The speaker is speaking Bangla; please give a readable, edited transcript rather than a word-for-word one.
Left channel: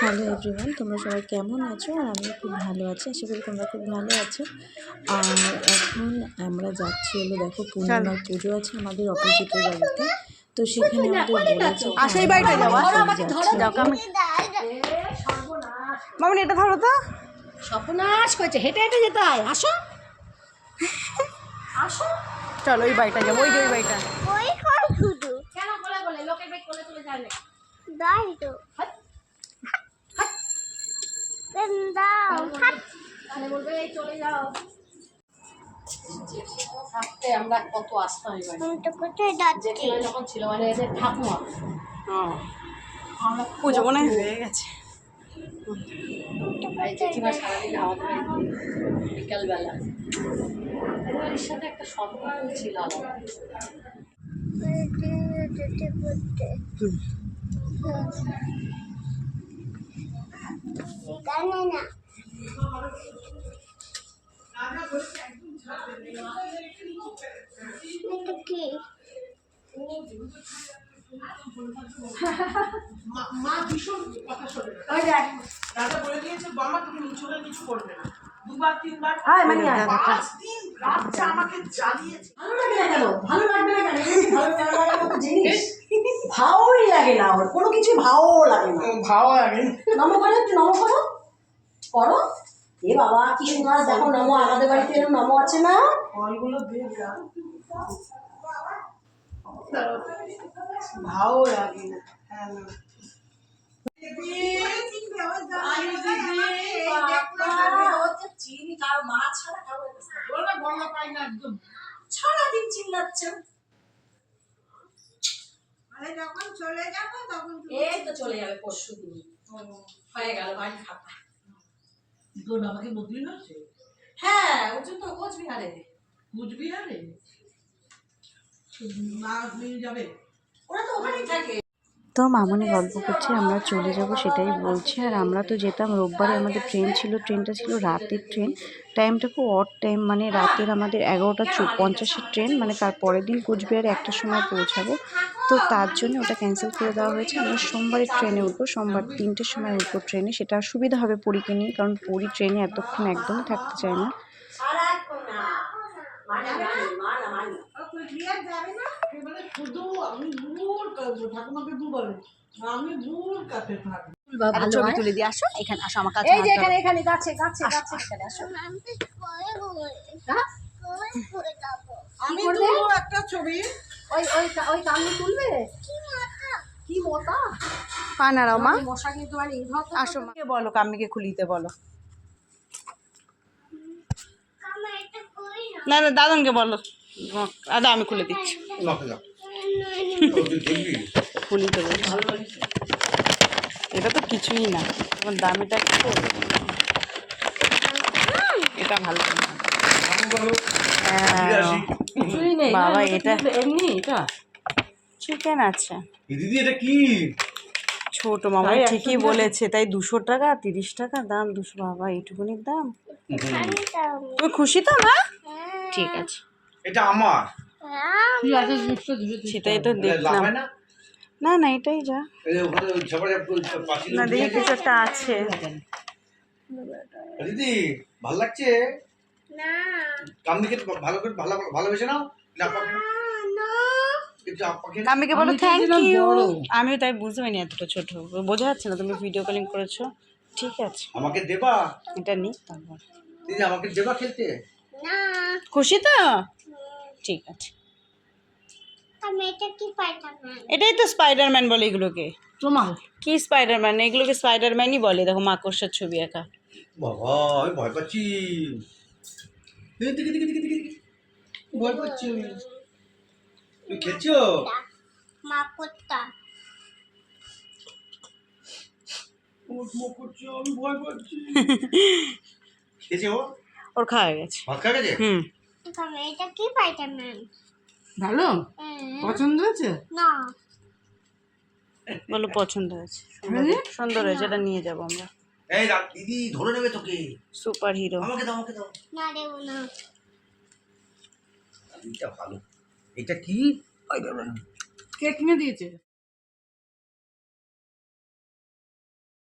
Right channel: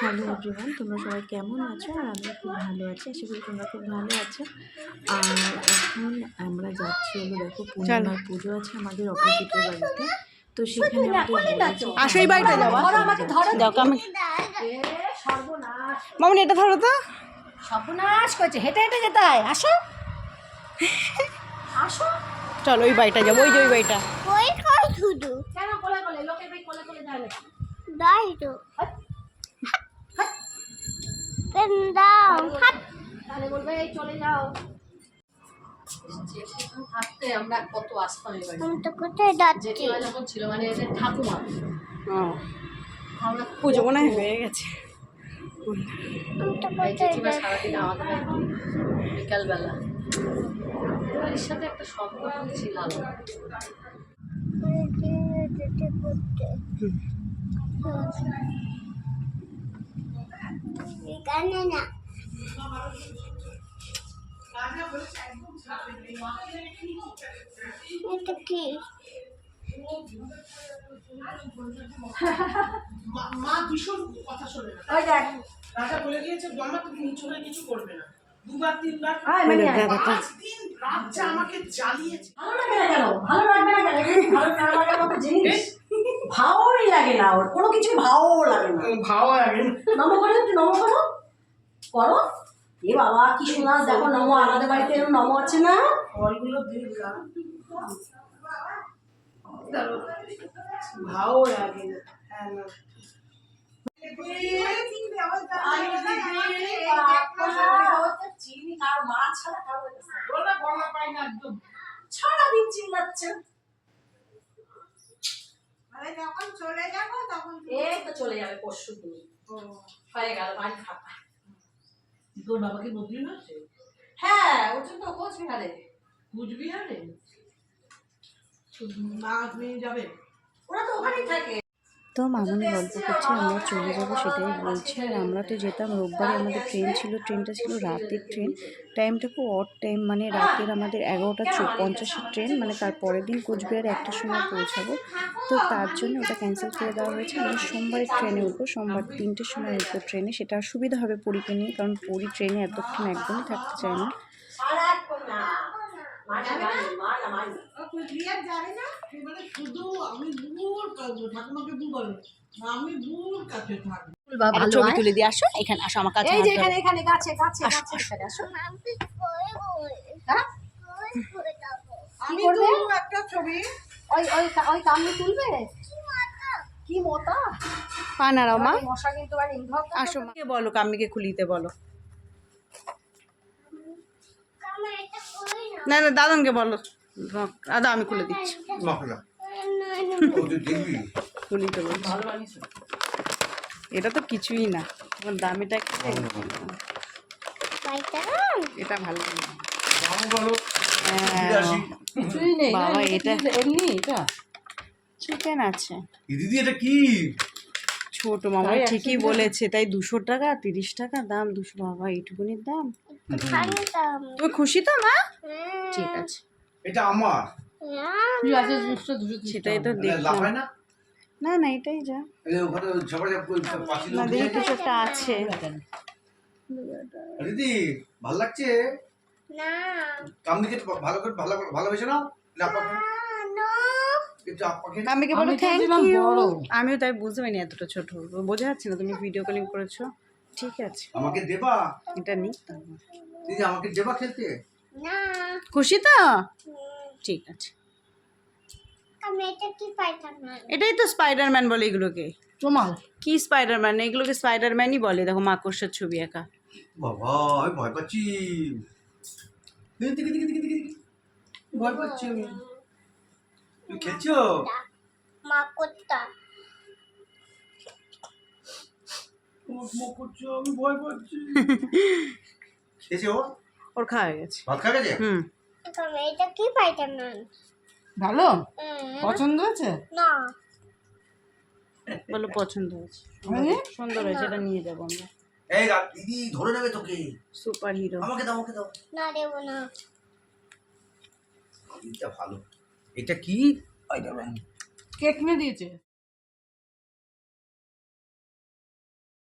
হ্যালো এভরিওয়ান, তোমরা সবাই কেমন আছো? আর আমি খুব ভালো আছি, আশা করি তোমরা খুব ভালো আছো। আর এখন আমরা যাচ্ছি হলো, দেখো পূর্ণিমার পুজো আছে আমাদের অপোজিটের বাড়িতে। তো সেখানে আমাদের বলেছে আসো এই বাড়িটা যাওয়া। মামনি এটা ধরো তো। সর্বনাশ করছে, হেঁটে হেঁটে যেতে হয়। আসো আসো, চলো ওই বাড়িটা যাবো, ওই যে ওই বাড়িটা। কেন কোলে কোলে লোকের বেগ কোলে কোলে যায় না? দাই তো তাহলে বলবে এই চলে যাও। জেঠিমা থাকতে আমরা কত আসতাম এবার। জেঠিমা যখন ছিল মানে এদের ঠাকুমা, আমরা পুজো মনে হয় হয়ে গেছে। জেঠিমা সারাদিন আমাদের বিকালবেলা এর সাথে একটা সম্পর্ক ছিল আলাদা। মা ভীষণ কথা শোনে না। দাদা বলে দিয়েছে বাবা তুমি নিচলে কিছু করবে না, দুবার তিনবার পাঁচ দিন রাতটা আমাকে জ্বালিয়েছে। ভালো লাগে না কেন? ভালো লাগবে না কেন? ভালো না লাগার মতো জিনিস ভালোই লাগে না, ওর কোনো কিছুই ভালো লাগে না। ভালো লাগে নম করো, একটু নম করো, করো। এ বাবা কি শোনা, দেখো নম, আমাদের বাড়িতে এরকম নম আছে না? ফলগুলো দেখলাম, ভালো লাগে না। হ্যাঁ না চিনি কারো মা ছাড়া কারো গলা পাই না একদম। সারাদিন চিল্লাচ্ছে। যখন চলে যাবো তখন এই তো চলে যাবে পরশু দিন, হয়ে গেল বাড়ি ফাঁকা। তোর বাবাকে বদলি হয়েছে? হ্যাঁ, ওর জন্য কোচবিহারে। কুচবিহারে মা নিয়ে যাবে? ওরা তো ওখানেই থাকে। তো মামনি গল্প করছে, আমরা চলে যাব সেটাই বলছে। আর আমরা তো যেতাম রোববারে, আমাদের ট্রেন ছিল, ট্রেনটা ছিল রাতের ট্রেন। টাইমটা খুব অড টাইম, মানে রাতের আমাদের 11:50 ট্রেন, মানে তার পরের দিন কোচবিহারে 1টার সময় পৌঁছাবো। তো তার জন্য ওটা ক্যান্সেল করে দেওয়া হয়েছে। আমরা সোমবারের ট্রেনে উঠবো, সোমবার 3টের সময় উঠবো ট্রেনে। সেটা সুবিধা হবে পরীকে নিয়ে, কারণ পরী ট্রেনে এতক্ষণ একদমই থাকতে চায় না। ছবি তুলে দিয়ে আসো, এখানে আসো আমার কাছে। এই যে এখানে এখানে গাছে গাছে গাছে এখানে আসো। হ্যাঁ আমি তুলবো একটা ছবি। ওই ওই ওই কামড়ি তুলবে কি মোটা পা নাড়াও মা। মশা কিন্তু মানে ইনভার্ট। আসো মাকে বলো, কাম্মিকে খুলিতে বলো। না না দাদনকে বলো, দাদা আমি খুলে দিচ্ছি। খুলিতে বলছি, এটা তো কিছুই না, তোমার দামিটা একটু। এটা ভালো বাবা, এটা এমনি এটা চিকেন আছে। দিদি এটা কি? ছোট মামা ঠিকই বলেছে, তাই 200 টাকা 30 টাকা দাম। 200 বাবা, এইটুকুনির দাম। তুমি খুশি তো মা? ঠিক আছে, এটা আমার। সেটাই তো দেখলাম। না না এটাই যা, না দেখি কিছু একটা আছে। দিদি ভাল লাগছে? কামনিকে ভালো করে ভালোবেসে নাও। কাম্মিকে বলো থ্যাংক ইউ। আমিও তাই বুঝতে পারিনি এতটা ছোট, বোঝা যাচ্ছে না তুমি ভিডিও কলিং করেছো। ঠিক আছে, আমাকে দেবা? এটা নি তারপর। দিদি আমাকে দেবা খেলতে? খুশি তো? ঠিক আছে। এটাই তো স্পাইডারম্যান বলে এগুলোকে। তোমার কি স্পাইডারম্যান? এগুলোকে স্পাইডারম্যানই বলে। দেখো মাকড়সার ছবি একা। বাবা আমি ভয় পাচ্ছি, ভয় পাচ্ছি আমি। তুমি খেলছো? আমি ভয় পাচ্ছি। খেয়েছে ও? ওর খাওয়া গেছে। ভাত খাওয়া গেছে? এটা কি স্পাইডারম্যান? ভালো পছন্দ হয়েছে? না বলো পছন্দ হয়েছে, সুন্দর হয়েছে, এটা নিয়ে যাবো আমরা। এই দিদি ধরে নেবে তোকে। Super hero. আমাকে দাও, আমাকে দাও। না দেব না। এটা ভালো। এটা কি? কে কিনে দিয়েছে?